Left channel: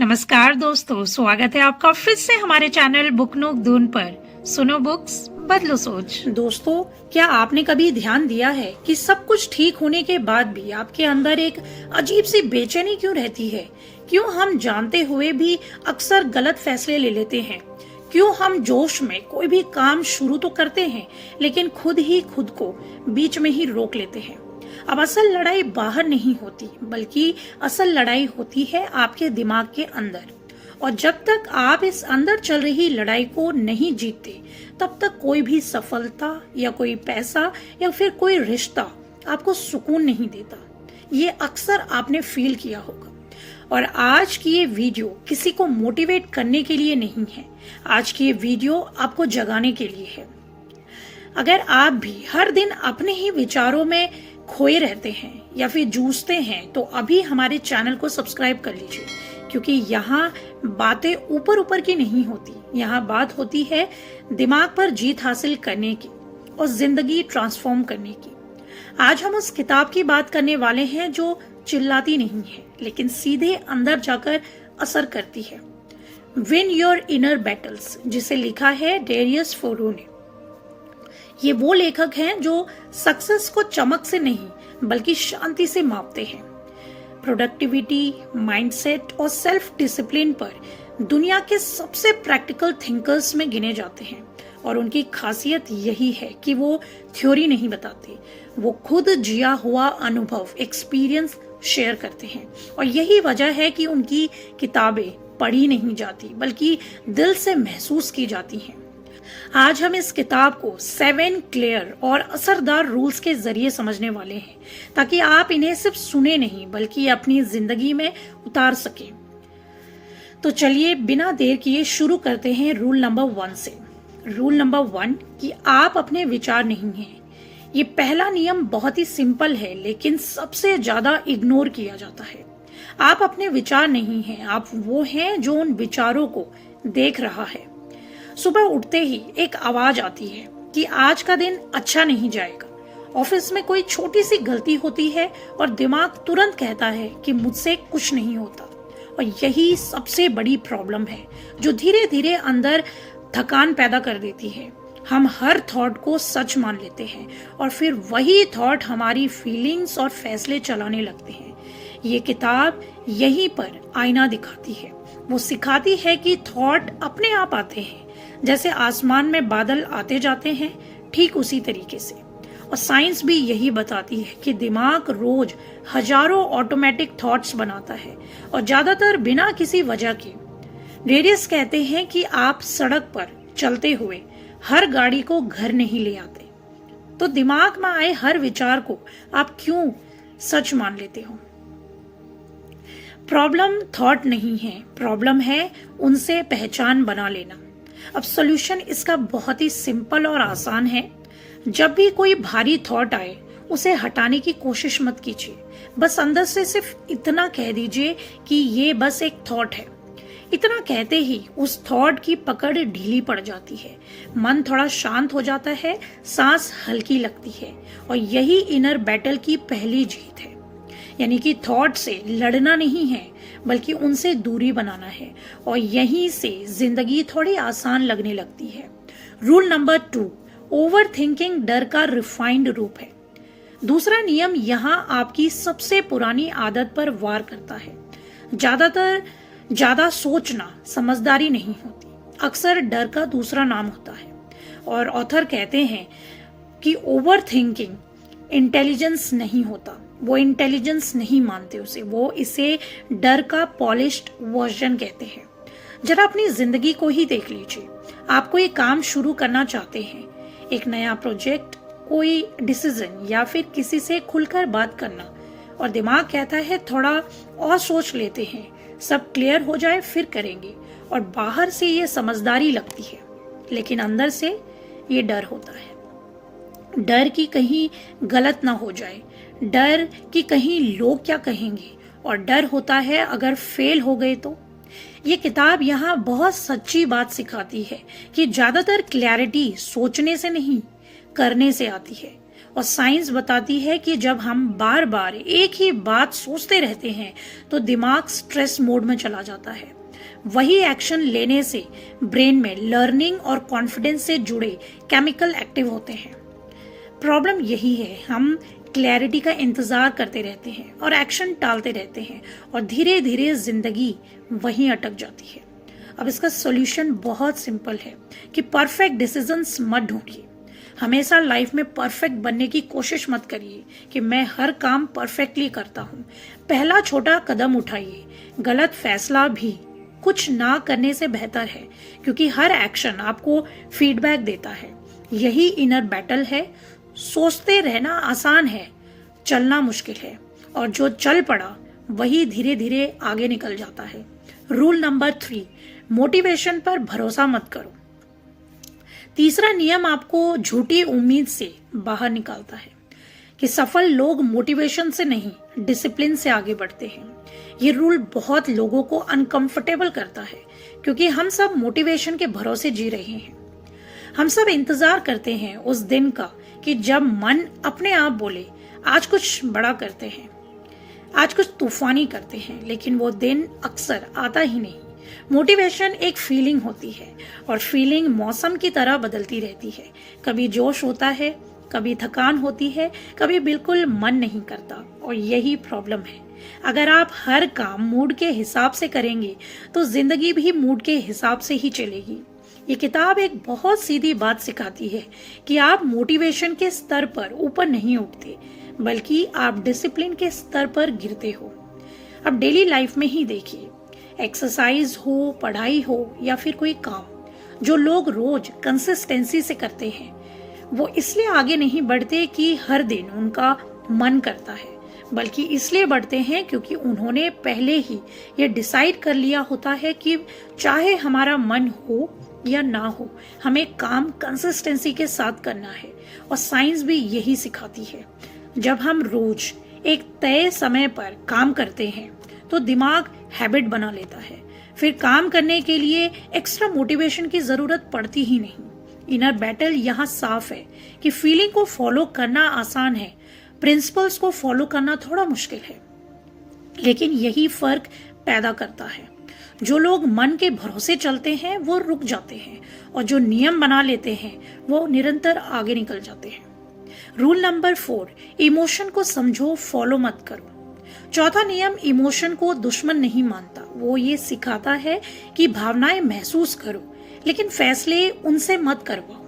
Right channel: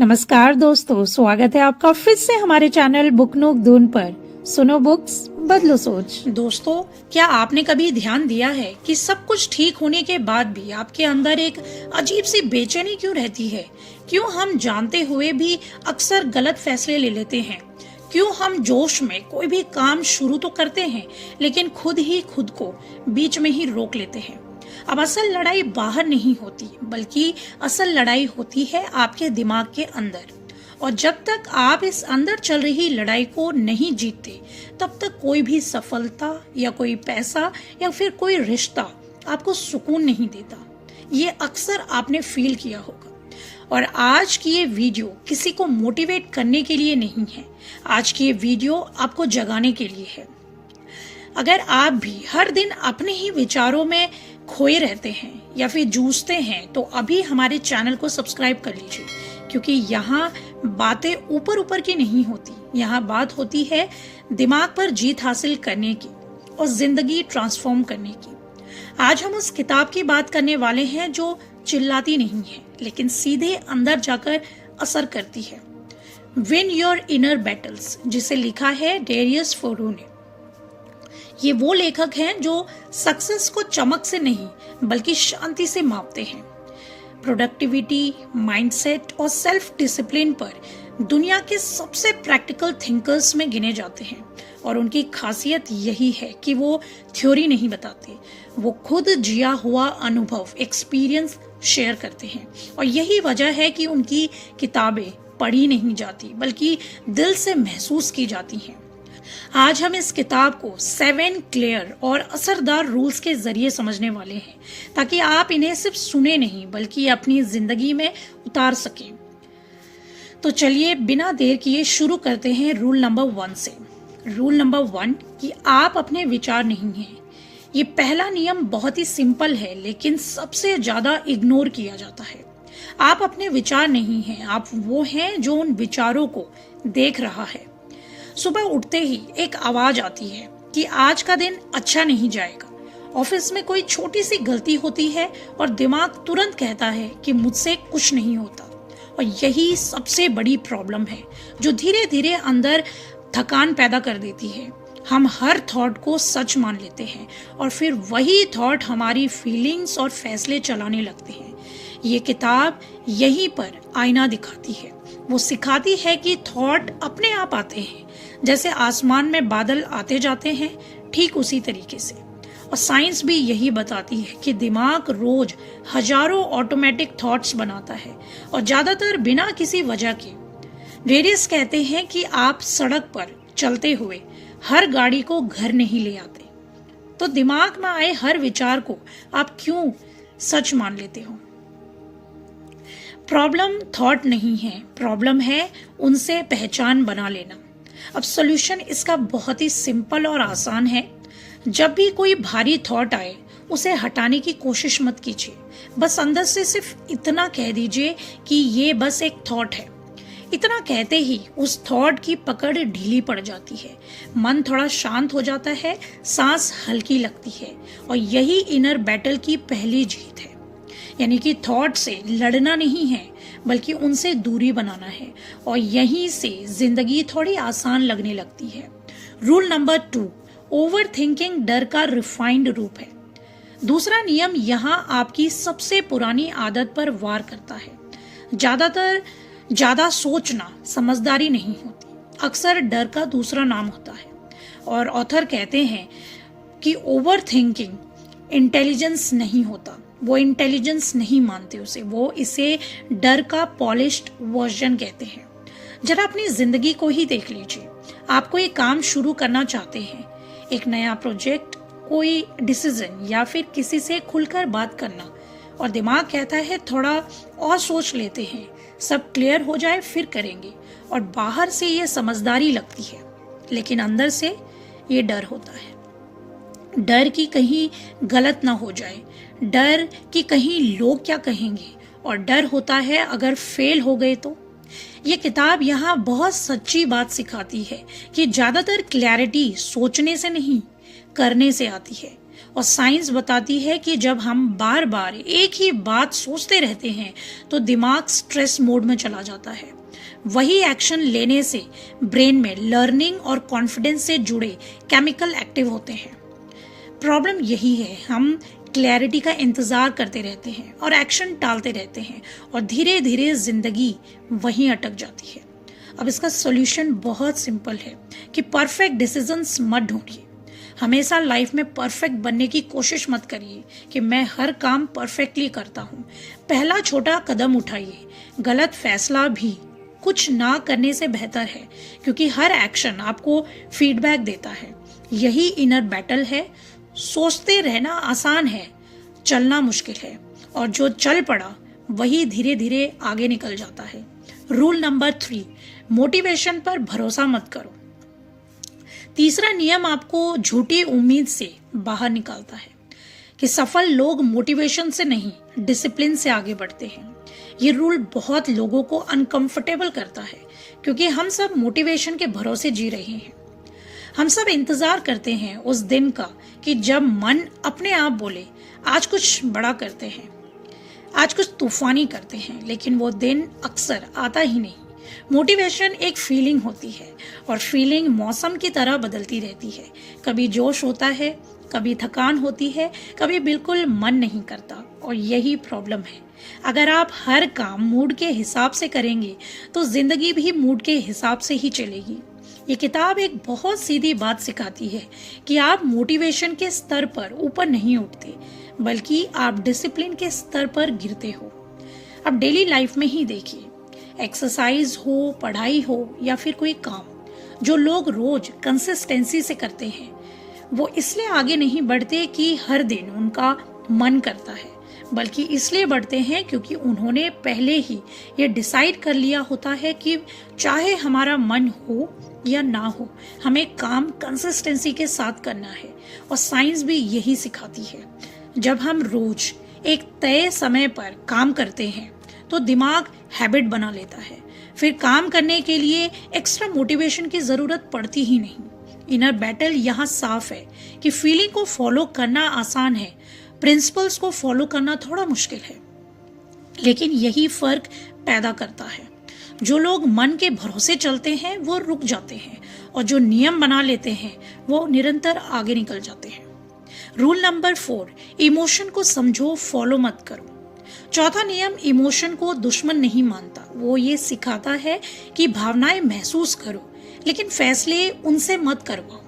नमस्कार दोस्तों, स्वागत है आपका फिर से हमारे चैनल बुक नोक दून पर। सुनो बुक्स, बदलो सोच। दोस्तों, क्या आपने कभी ध्यान दिया है कि सब कुछ ठीक होने के बाद भी आपके अंदर एक अजीब सी बेचैनी क्यों रहती है? क्यों हम जानते हुए भी अक्सर गलत फैसले ले लेते हैं? क्यों हम जोश में कोई भी काम शुरू तो करते हैं लेकिन खुद ही खुद को बीच में ही रोक लेते हैं? अब असल लड़ाई बाहर नहीं होती, बल्कि असल लड़ाई होती है आपके दिमाग के अंदर। और जब तक आप इस अंदर चल रही लड़ाई को नहीं जीतते, तब तक कोई भी सफलता या कोई पैसा या फिर कोई रिश्ता आपको सुकून नहीं देता। ये अक्सर आपने फील किया होगा। और आज की ये वीडियो किसी को मोटिवेट करने के लिए नहीं है, आज की ये वीडियो आपको जगाने के लिए है। अगर आप भी हर दिन अपने ही विचारों में खोए रहते हैं या फिर जूझते हैं, तो अभी हमारे चैनल को सब्सक्राइब कर लीजिए, क्योंकि यहाँ बातें ऊपर ऊपर की नहीं होती। यहाँ बात होती है दिमाग पर जीत हासिल करने की और जिंदगी ट्रांसफॉर्म करने की। आज हम उस किताब की बात करने वाले हैं जो चिल्लाती नहीं है, लेकिन सीधे अंदर जाकर असर करती है। विन योर इनर बैटल्स, जिसे लिखा है डेरियस फोरू ने। ये वो लेखक हैं जो सक्सेस को चमक से नहीं बल्कि शांति से मापते हैं। प्रोडक्टिविटी, माइंडसेट और सेल्फ डिसिप्लिन पर दुनिया के सबसे प्रैक्टिकल थिंकर्स में गिने जाते हैं। और उनकी खासियत यही है कि वो थ्योरी नहीं बताते, वो खुद जिया हुआ अनुभव, एक्सपीरियंस शेयर करते हैं। और यही वजह है कि उनकी किताबें पढ़ी नहीं जाती, बल्कि दिल से महसूस की जाती हैं। आज हम इस किताब को 7 क्लियर और असरदार रूल्स के जरिए समझने वाले हैं, ताकि आप इन्हें सिर्फ सुने नहीं बल्कि अपनी जिंदगी में उतार सकें। तो चलिए बिना देर किए शुरू करते हैं रूल नंबर 1 से। रूल नंबर 1 कि आप अपने विचार नहीं हैं। ये पहला नियम बहुत ही सिंपल है, लेकिन सबसे ज्यादा इग्नोर किया जाता है। आप अपने विचार नहीं हैं, आप वो हैं जो उन विचारों को देख रहा है। सुबह उठते ही एक आवाज आती है कि आज का दिन अच्छा नहीं जाएगा। ऑफिस में कोई छोटी सी गलती होती है और दिमाग तुरंत कहता है कि मुझसे कुछ नहीं होता। और यही सबसे बड़ी प्रॉब्लम है, जो धीरे धीरे अंदर थकान पैदा कर देती है। हम हर थॉट को सच मान लेते हैं और फिर वही थॉट हमारी फीलिंग्स और फैसले चलाने लगते हैं। ये किताब यहीं पर आईना दिखाती है। वो सिखाती है कि थॉट अपने आप आते हैं, जैसे आसमान में बादल आते जाते हैं, ठीक उसी तरीके से। और साइंस भी यही बताती है कि दिमाग रोज हजारों ऑटोमेटिक थॉट्स बनाता है, और ज्यादातर बिना किसी वजह के। रेडियस कहते हैं कि आप सड़क पर चलते हुए हर गाड़ी को घर नहीं ले आते। तो दिमाग में आए हर विचार को आप क्यों सच मान लेते हो? प्रॉब्लम थॉट नहीं है, प्रॉब्लम है उनसे पहचान बना लेना। अब सॉल्यूशन इसका बहुत ही सिंपल और आसान है। जब भी कोई भारी थॉट आए, उसे हटाने की कोशिश मत कीजिए। बस अंदर से सिर्फ इतना कह दीजिए कि ये बस एक थॉट है। इतना कहते ही उस थॉट की पकड़ ढीली पड़ जाती है, मन थोड़ा शांत हो जाता है, सांस हल्की लगती है। और यही इनर बैटल की पहली जीत है। यानी कि थॉट से लड़ना नहीं है, बल्कि उनसे दूरी बनाना है। और यहीं से जिंदगी थोड़ी आसान लगने लगती है। रूल नंबर 2, ओवर थिंकिंग डर का रिफाइंड रूप है। दूसरा नियम यहाँ आपकी सबसे पुरानी आदत पर वार करता है। ज्यादा सोचना समझदारी नहीं होती, अक्सर डर का दूसरा नाम होता है। और ऑथर कहते हैं कि ओवर थिंकिंग इंटेलिजेंस नहीं होता, वो इंटेलिजेंस नहीं मानते उसे, वो इसे डर का पॉलिश्ड वर्जन कहते हैं। जरा अपनी जिंदगी को ही देख लीजिए। आप कोई काम शुरू करना चाहते हैं, एक नया प्रोजेक्ट, कोई डिसीजन या फिर किसी से खुलकर बात करना, और दिमाग कहता है थोड़ा और सोच लेते हैं, सब क्लियर हो जाए फिर करेंगे। और बाहर से ये समझदारी लगती है, लेकिन अंदर से ये डर होता है। डर कि कहीं गलत ना हो जाए, डर कि कहीं लोग क्या कहेंगे, और डर होता है अगर फेल हो गए तो। ये किताब यहाँ बहुत सच्ची बात सिखाती है कि ज्यादातर क्लैरिटी सोचने से नहीं, करने से आती है। और साइंस बताती है कि जब हम बार बार एक ही बात सोचते रहते हैं तो दिमाग स्ट्रेस मोड में चला जाता है। वही एक्शन लेने से ब्रेन में लर्निंग और कॉन्फिडेंस से जुड़े केमिकल एक्टिव होते हैं। प्रॉब्लम यही है, हम क्लैरिटी का इंतजार करते रहते हैं और एक्शन टालते रहते हैं और धीरे धीरे जिंदगी वहीं अटक जाती है। अब इसका सॉल्यूशन बहुत सिंपल है कि परफेक्ट डिसीजंस मत ढूंढिए। हमेशा लाइफ में परफेक्ट बनने की कोशिश मत करिए कि मैं हर काम परफेक्टली करता हूँ। पहला छोटा कदम उठाइए। गलत फैसला भी कुछ ना करने से बेहतर है, क्योंकि हर एक्शन आपको फीडबैक देता है। यही इनर बैटल है। सोचते रहना आसान है, चलना मुश्किल है, और जो चल पड़ा वही धीरे धीरे आगे निकल जाता है। रूल नंबर 3, मोटिवेशन पर भरोसा मत करो। तीसरा नियम आपको झूठी उम्मीद से बाहर निकालता है कि सफल लोग मोटिवेशन से नहीं, डिसिप्लिन से आगे बढ़ते हैं। ये रूल बहुत लोगों को अनकंफर्टेबल करता है, क्योंकि हम सब मोटिवेशन के भरोसे जी रहे हैं। हम सब इंतजार करते हैं उस दिन का कि जब मन अपने आप बोले आज कुछ बड़ा करते हैं, आज कुछ तूफानी करते हैं, लेकिन वो दिन अक्सर आता ही नहीं। मोटिवेशन एक फीलिंग होती है और फीलिंग मौसम की तरह बदलती रहती है। कभी जोश होता है, कभी थकान होती है, कभी बिल्कुल मन नहीं करता, और यही प्रॉब्लम है। अगर आप हर काम मूड के हिसाब से करेंगे तो जिंदगी भी मूड के हिसाब से ही चलेगी। ये किताब एक बहुत सीधी बात सिखाती है कि आप मोटिवेशन के स्तर पर ऊपर नहीं उठते, बल्कि आप डिसिप्लिन के स्तर पर गिरते हो। अब डेली लाइफ में ही देखिए, एक्सरसाइज हो, पढ़ाई हो या फिर कोई काम, जो लोग रोज कंसिस्टेंसी से करते हैं वो इसलिए आगे नहीं बढ़ते कि हर दिन उनका मन करता है, बल्कि इसलिए बढ़ते हैं क्योंकि उन्होंने पहले ही ये डिसाइड कर लिया होता है कि चाहे हमारा मन हो या ना हो, हमें काम कंसिस्टेंसी के साथ करना है। और साइंस भी यही सिखाती है। जब हम रोज एक तय समय पर काम करते हैं तो दिमाग हैबिट बना लेता है, फिर काम करने के लिए एक्स्ट्रा मोटिवेशन की जरूरत पड़ती ही नहीं। इनर बैटल यहाँ साफ है कि फीलिंग को फॉलो करना आसान है, प्रिंसिपल्स को फॉलो करना थोड़ा मुश्किल है। लेकिन यही फर्क पैदा करता है। जो लोग मन के भरोसे चलते हैं वो रुक जाते हैं, और जो नियम बना लेते हैं वो निरंतर आगे निकल जाते हैं। रूल नंबर 4, इमोशन को समझो, फॉलो मत करो। चौथा नियम इमोशन को दुश्मन नहीं मानता। वो ये सिखाता है कि भावनाएं महसूस करो, लेकिन फैसले उनसे मत करवाओ।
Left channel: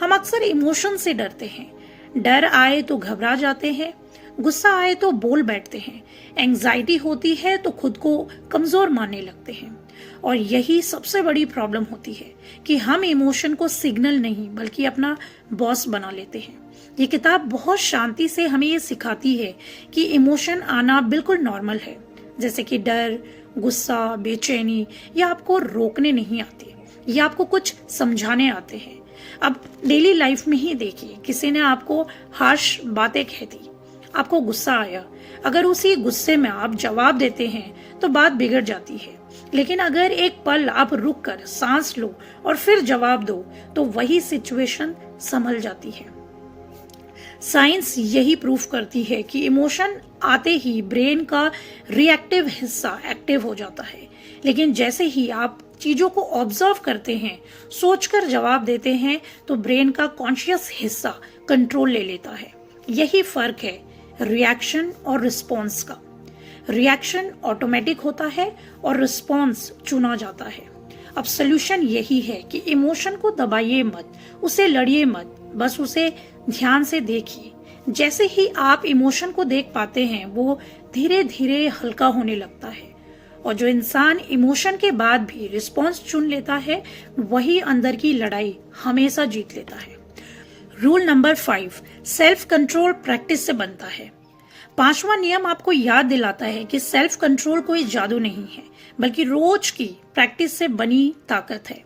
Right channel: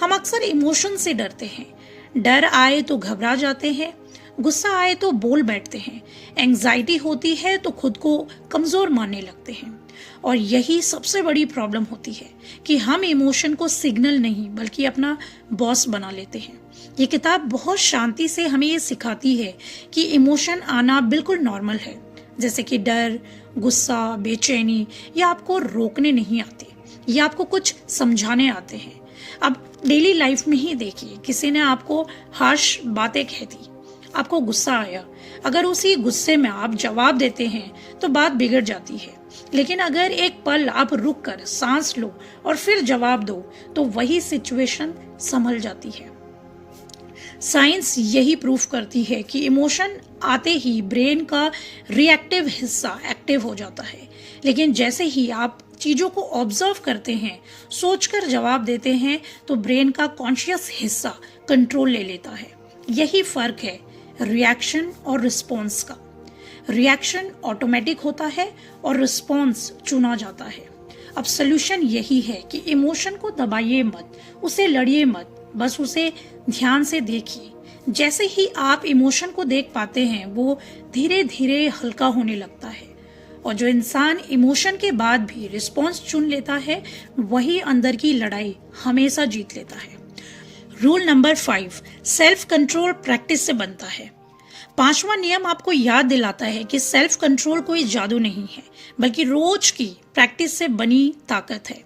हम अक्सर इमोशन से डरते हैं। डर आए तो घबरा जाते हैं, गुस्सा आए तो बोल बैठते हैं, एंग्जाइटी होती है तो खुद को कमजोर मानने लगते हैं। और यही सबसे बड़ी प्रॉब्लम होती है कि हम इमोशन को सिग्नल नहीं बल्कि अपना बॉस बना लेते हैं। ये किताब बहुत शांति से हमें ये सिखाती है कि इमोशन आना बिल्कुल नॉर्मल है, जैसे कि डर, गुस्सा, बेचैनी, ये आपको रोकने नहीं आते, ये आपको कुछ समझाने आते हैं। अब डेली लाइफ में ही देखिए, किसी ने आपको हार्श बातें कह दी, आपको गुस्सा आया, अगर उसी गुस्से में आप जवाब देते हैं तो बात बिगड़ जाती है। लेकिन अगर एक पल आप रुक कर सांस लो और फिर जवाब दो तो वही सिचुएशन संभल जाती है। साइंस यही प्रूफ करती है कि इमोशन आते ही ब्रेन का रिएक्टिव हिस्सा एक्टिव हो जाता है, लेकिन जैसे ही आप चीजों को ऑब्जर्व करते हैं, सोचकर जवाब देते हैं, तो ब्रेन का कॉन्शियस हिस्सा कंट्रोल ले लेता है। यही फर्क है रिएक्शन और रिस्पॉन्स का। रिएक्शन ऑटोमेटिक होता है और रिस्पॉन्स चुना जाता है। अब सोल्यूशन यही है कि इमोशन को दबाइए मत, उसे लड़िए मत, बस उसे ध्यान से देखिए। जैसे ही आप इमोशन को देख पाते हैं वो धीरे धीरे हल्का होने लगता है। और जो इंसान इमोशन के बाद भी रिस्पॉन्स चुन लेता है वही अंदर की लड़ाई हमेशा जीत लेता है। Rule number 5, self control practice से बनता है। 5वां नियम आपको याद दिलाता है कि सेल्फ कंट्रोल कोई जादू नहीं है, बल्कि रोज की प्रैक्टिस से बनी ताकत है।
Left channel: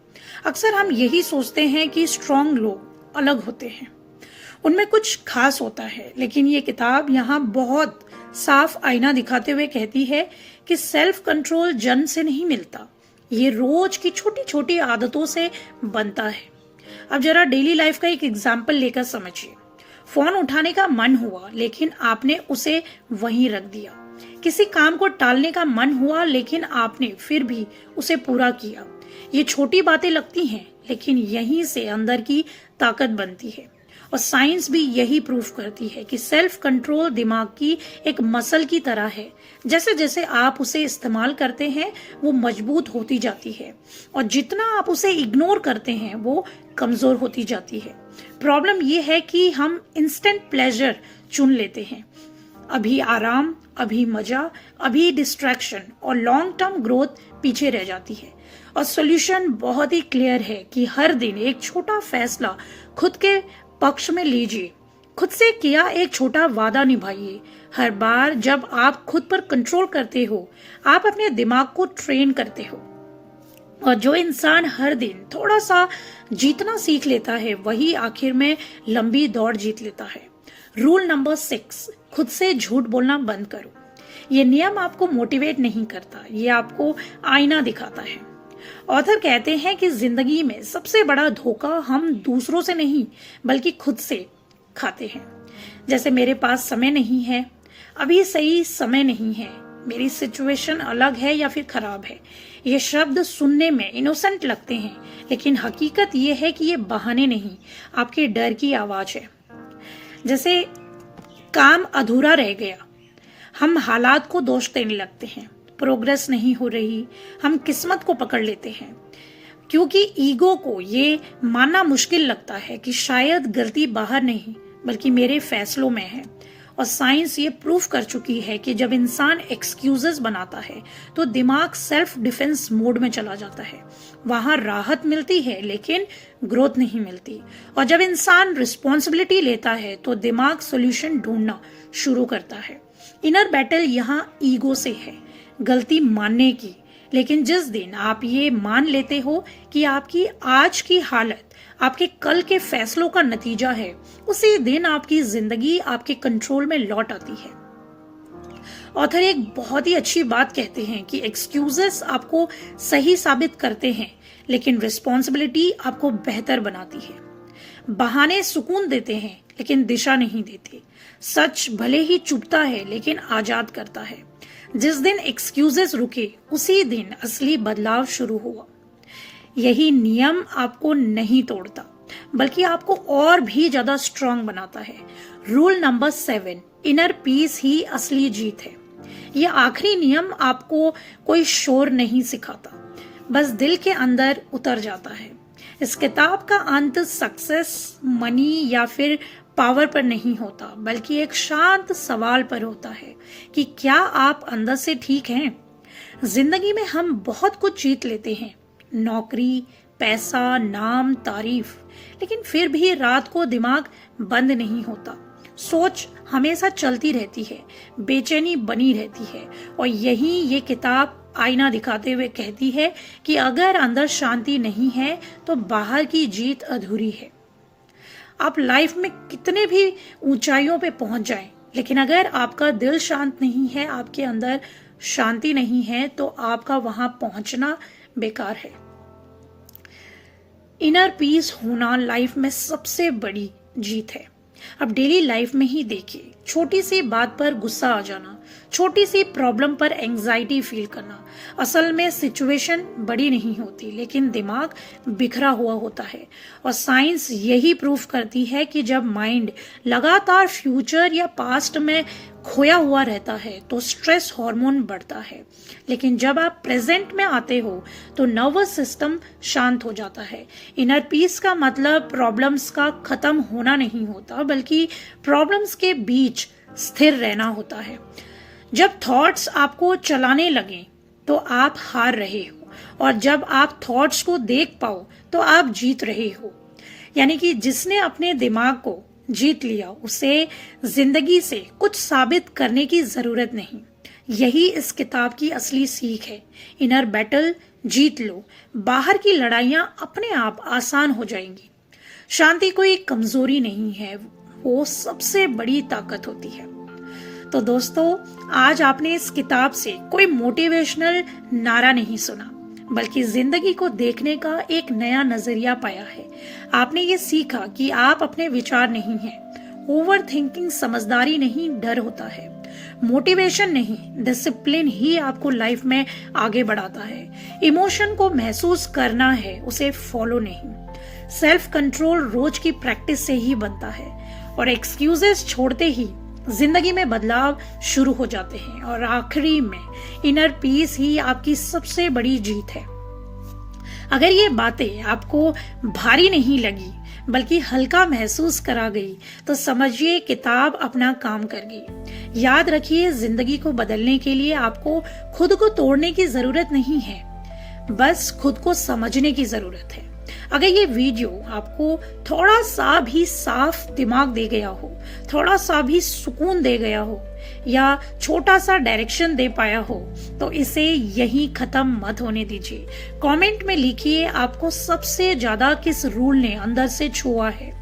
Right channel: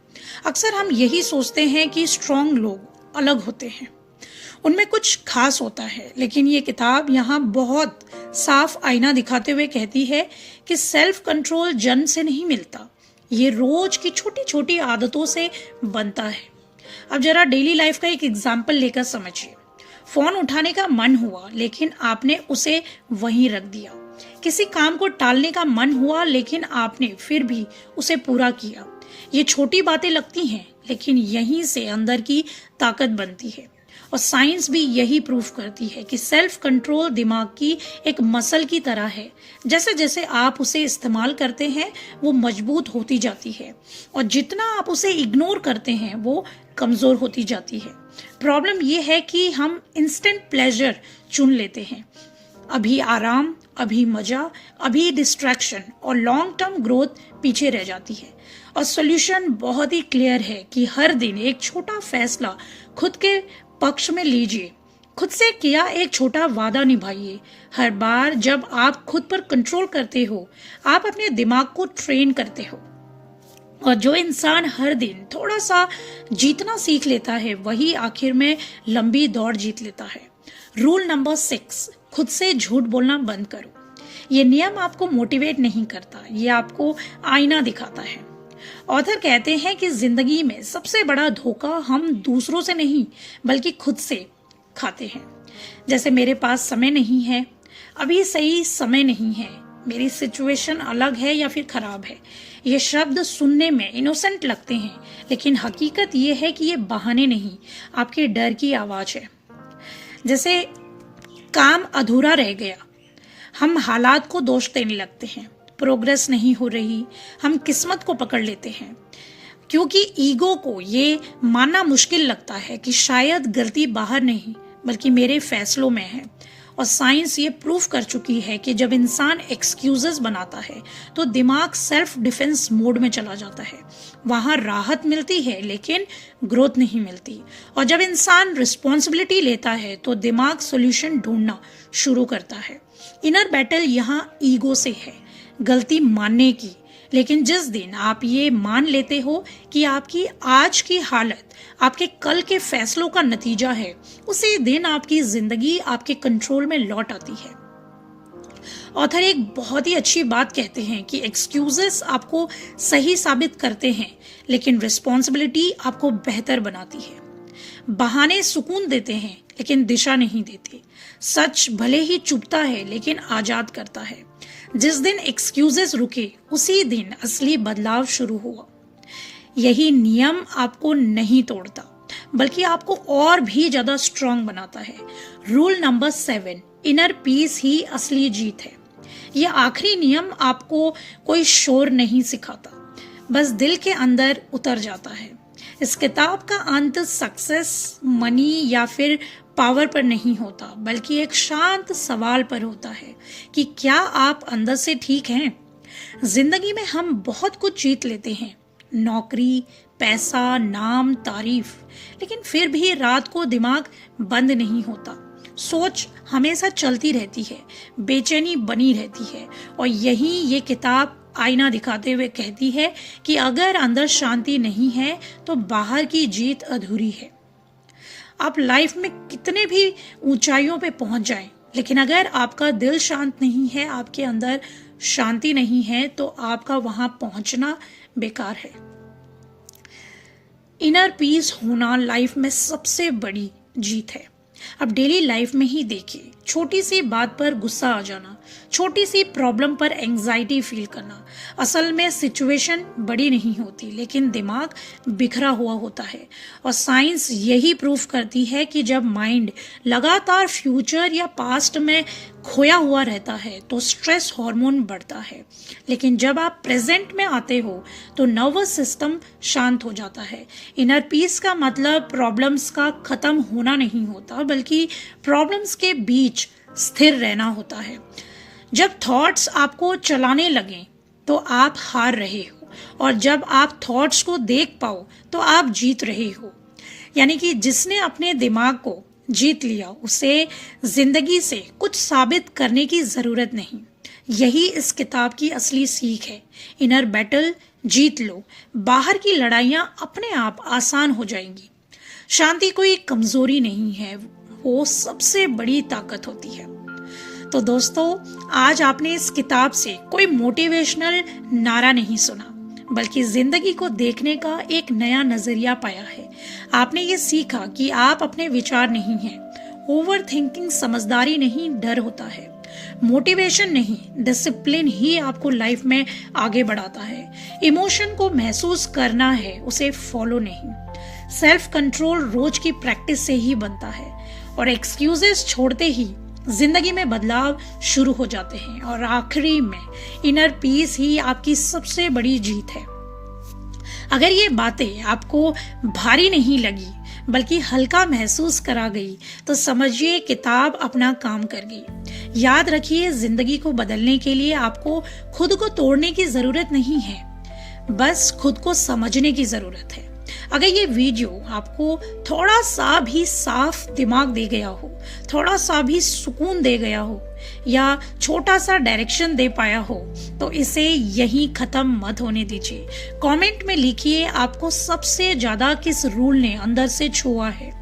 अक्सर हम यही सोचते हैं कि स्ट्रांग लोग अलग होते हैं, उनमें कुछ खास होता है, लेकिन ये किताब यहाँ बहुत साफ आईना दिखाते हुए कहती है कि सेल्फ कंट्रोल जन्म से नहीं मिलता, ये रोज की छोटी छोटी आदतों से बनता है। अब जरा डेली लाइफ का एक एग्जाम्पल लेकर समझिए। फोन उठाने का मन हुआ लेकिन आपने उसे वहीं रख दिया। किसी काम को टालने का मन हुआ लेकिन आपने फिर भी उसे पूरा किया। ये छोटी बातें लगती हैं लेकिन यहीं से अंदर की ताकत बनती है। और साइंस भी यही प्रूफ करती है कि सेल्फ कंट्रोल दिमाग की एक मसल की तरह है। जैसे जैसे आप उसे इस्तेमाल करते हैं वो मजबूत होती जाती है और जितना आप उसे इग्नोर करते हैं वो कमजोर होती जाती है। प्रॉब्लम ये है कि हम इंस्टेंट प्लेजर चुन लेते हैं, अभी आराम, अभी मजा, अभी डिस्ट्रैक्शन, और लॉन्ग टर्म ग्रोथ पीछे रह जाती है। और सॉल्यूशन बहुत ही क्लियर है कि हर दिन एक छोटा फैसला खुद के पक्ष में लीजिए। खुद से किया एक छोटा वादा निभाइए। हर बार जब आप खुद पर कंट्रोल करते हो आप अपने दिमाग को ट्रेन करते हो। और जो इंसान हर दिन थोड़ा सा जीतना सीख लेता है वही आखिर में लंबी दौड़ जीत लेता है। रूल नंबर 6, खुद से झूठ बोलना बंद करो। ये नियम आपको मोटिवेट नहीं करता, ये आपको आईना दिखाता है। ऑथर कहते हैं कि जिंदगी में सबसे बड़ा धोखा हम दूसरों से नहीं बल्कि खुद से खाते हैं। जैसे मेरे पास समय नहीं है, अभी सही समय नहीं है, मेरी सिचुएशन अलग है या फिर खराब है। ये शब्द सुनने में इनोसेंट लगते हैं लेकिन हकीकत ये है कि ये बहाने नहीं, आपके डर की आवाज है। जैसे काम अधूरा रह गया, हम हालात को दोष देने लगते हैं। प्रोग्रेस नहीं हो रही, हम किस्मत को पकड़ लेते हैं क्योंकि ईगो को ये मानना मुश्किल लगता है कि शायद गलती बाहर नहीं बल्कि मेरे फैसलों में है। और साइंस ये प्रूफ कर चुकी है कि जब इंसान एक्सक्यूजेस बनाता है तो दिमाग सेल्फ डिफेंस मोड में चला जाता है। वहां राहत मिलती है लेकिन ग्रोथ नहीं मिलती। और जब इंसान रिस्पॉन्सिबिलिटी लेता है तो दिमाग सॉल्यूशन ढूंढना शुरू करता है। इनर बैटल यहाँ ईगो से है, गलती मानने की। लेकिन जिस दिन आप ये मान लेते हो कि आपकी आज की हालत आपके कल के फैसलों का नतीजा है, उसी दिन आपकी जिंदगी आपके कंट्रोल में लौट आती है। ऑथर एक बहुत ही अच्छी बात कहते हैं कि एक्सक्यूजेस आपको सही साबित करते हैं लेकिन रिस्पॉन्सिबिलिटी आपको बेहतर बनाती है। बहाने सुकून देते हैं लेकिन दिशा नहीं देते। सच भले ही चुभता है लेकिन आजाद करता है। जिस दिन एक्सक्यूजेस रुके उसी दिन असली बदलाव शुरू हुआ। यही नियम आपको नहीं तोड़ता बल्कि आपको और भी ज्यादा स्ट्रांग बनाता है। रूल नंबर 7, इनर पीस ही असली जीत है। यह आखिरी नियम आपको कोई शोर नहीं सिखाता, बस दिल के अंदर उतर जाता है। इस किताब का अंत सक्सेस, मनी या फिर पावर पर नहीं होता बल्कि एक शांत सवाल पर होता है कि क्या आप अंदर से ठीक हैं। जिंदगी में हम बहुत कुछ जीत लेते हैं, नौकरी, पैसा, नाम, तारीफ, लेकिन फिर भी रात को दिमाग बंद नहीं होता। सोच हमेशा चलती रहती है, बेचैनी बनी रहती है। और यही ये किताब आईना दिखाते हुए कहती है कि अगर अंदर शांति नहीं है तो बाहर की जीत अधूरी है। आप लाइफ में कितने भी ऊंचाइयों पे पहुंच जाएं, लेकिन अगर आपका दिल शांत नहीं है, आपके अंदर शांति नहीं है, तो आपका वहां पहुंचना बेकार है। इनर पीस होना लाइफ में सबसे बड़ी जीत है। अब डेली लाइफ में ही देखिए, छोटी सी बात पर गुस्सा आ जाना, छोटी सी प्रॉब्लम पर एंजाइटी फील करना। असल में सिचुएशन बड़ी नहीं होती लेकिन दिमाग बिखरा हुआ होता है। और साइंस यही प्रूफ करती है कि जब माइंड लगातार फ्यूचर या पास्ट में खोया हुआ रहता है तो स्ट्रेस हार्मोन बढ़ता है। लेकिन जब आप प्रेजेंट में आते हो तो नर्वस सिस्टम शांत हो जाता है। इनर पीस का मतलब प्रॉब्लम्स का खत्म होना नहीं होता बल्कि प्रॉब्लम्स के बीच स्थिर रहना होता है। जब थॉट्स आपको चलाने लगे तो आप हार रहे हो, और जब आप थॉट्स को देख पाओ तो आप जीत रहे हो। यानी कि जिसने अपने दिमाग को जीत लिया उसे जिंदगी से कुछ साबित करने की जरूरत नहीं। यही इस किताब की असली सीख है। इनर बैटल जीत लो, बाहर की लड़ाइयां अपने आप आसान हो जाएंगी। शांति कोई कमजोरी नहीं है, वो सबसे बड़ी ताकत होती है। तो दोस्तों, आज आपने इस किताब से कोई मोटिवेशनल नारा नहीं सुना बल्कि जिंदगी को देखने का एक नया नजरिया पाया है। आपने ये सीखा कि आप अपने विचार नहीं हैं, ओवर थिंकिंग समझदारी नहीं, डर होता है। मोटिवेशन नहीं, डिसिप्लिन ही आपको लाइफ में आगे बढ़ाता है। इमोशन को महसूस करना है, उसे फॉलो नहीं। सेल्फ कंट्रोल रोज की प्रैक्टिस से ही बनता है और एक्सक्यूजेस छोड़ते ही जिंदगी में बदलाव शुरू हो जाते हैं। और आखिरी में इनर पीस ही आपकी सबसे बड़ी जीत है। अगर ये बातें आपको भारी नहीं लगी बल्कि हल्का महसूस करा गई तो समझिए किताब अपना काम कर गई। याद रखिए, जिंदगी को बदलने के लिए आपको खुद को तोड़ने की जरूरत नहीं है, बस खुद को समझने की जरूरत है। अगर ये वीडियो आपको थोड़ा सा भी साफ दिमाग दे गया हो, थोड़ा सा भी सुकून दे गया हो या छोटा सा डायरेक्शन दे पाया हो तो इसे यहीं खत्म मत होने दीजिए। कमेंट में लिखिए आपको सबसे ज्यादा किस रूल ने अंदर से छुआ है।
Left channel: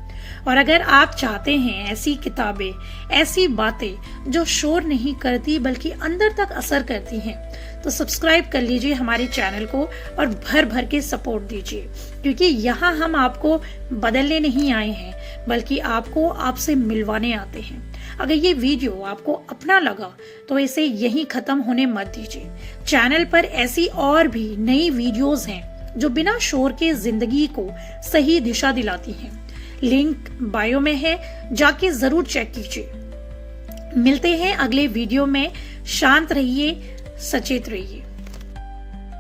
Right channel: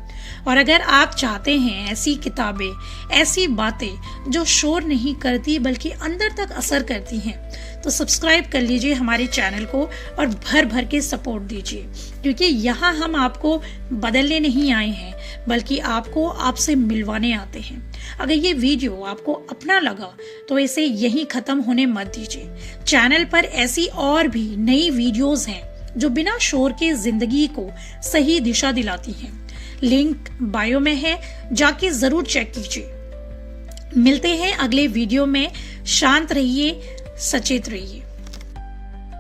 और अगर आप चाहते हैं ऐसी किताबें, ऐसी बातें जो शोर नहीं करती बल्कि अंदर तक असर करती हैं, तो सब्सक्राइब कर लीजिए हमारे चैनल को और भर भर के सपोर्ट दीजिए, क्योंकि यहाँ हम आपको बदलने नहीं आए हैं बल्कि आपको आपसे मिलवाने आते हैं। अगर ये वीडियो आपको अपना लगा तो इसे यहीं खत्म होने मत दीजिए। चैनल पर ऐसी और भी नई वीडियोस हैं जो बिना शोर के जिंदगी को सही दिशा दिलाती हैं। लिंक बायो में है, जाके जरूर चेक कीजिए। मिलते हैं अगले वीडियो में। शांत रहिए, सचेत रहिए।